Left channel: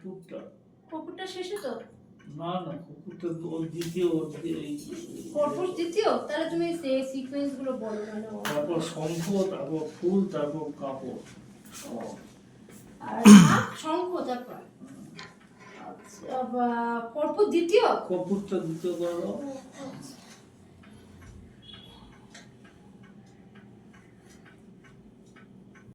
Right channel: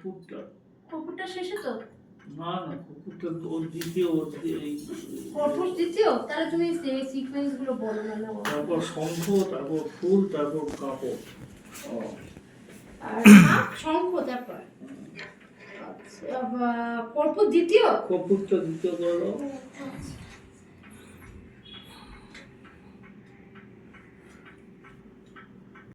কপুরটা কপুরটা শেষে তো না না কপুরটা ওর দ্বিতীয় কপুর দ্বিতীয় তাহলে তুমি সেই সিকোয়েন্স গুলো বলো না না তারপর শঙ্খ, তারপর ফুল, তারপর কাপড়। ও আর শঙ্খ তারপর আচ্ছা কপুর দ্বিতীয় কপুরটা দ্বিতীয় করো।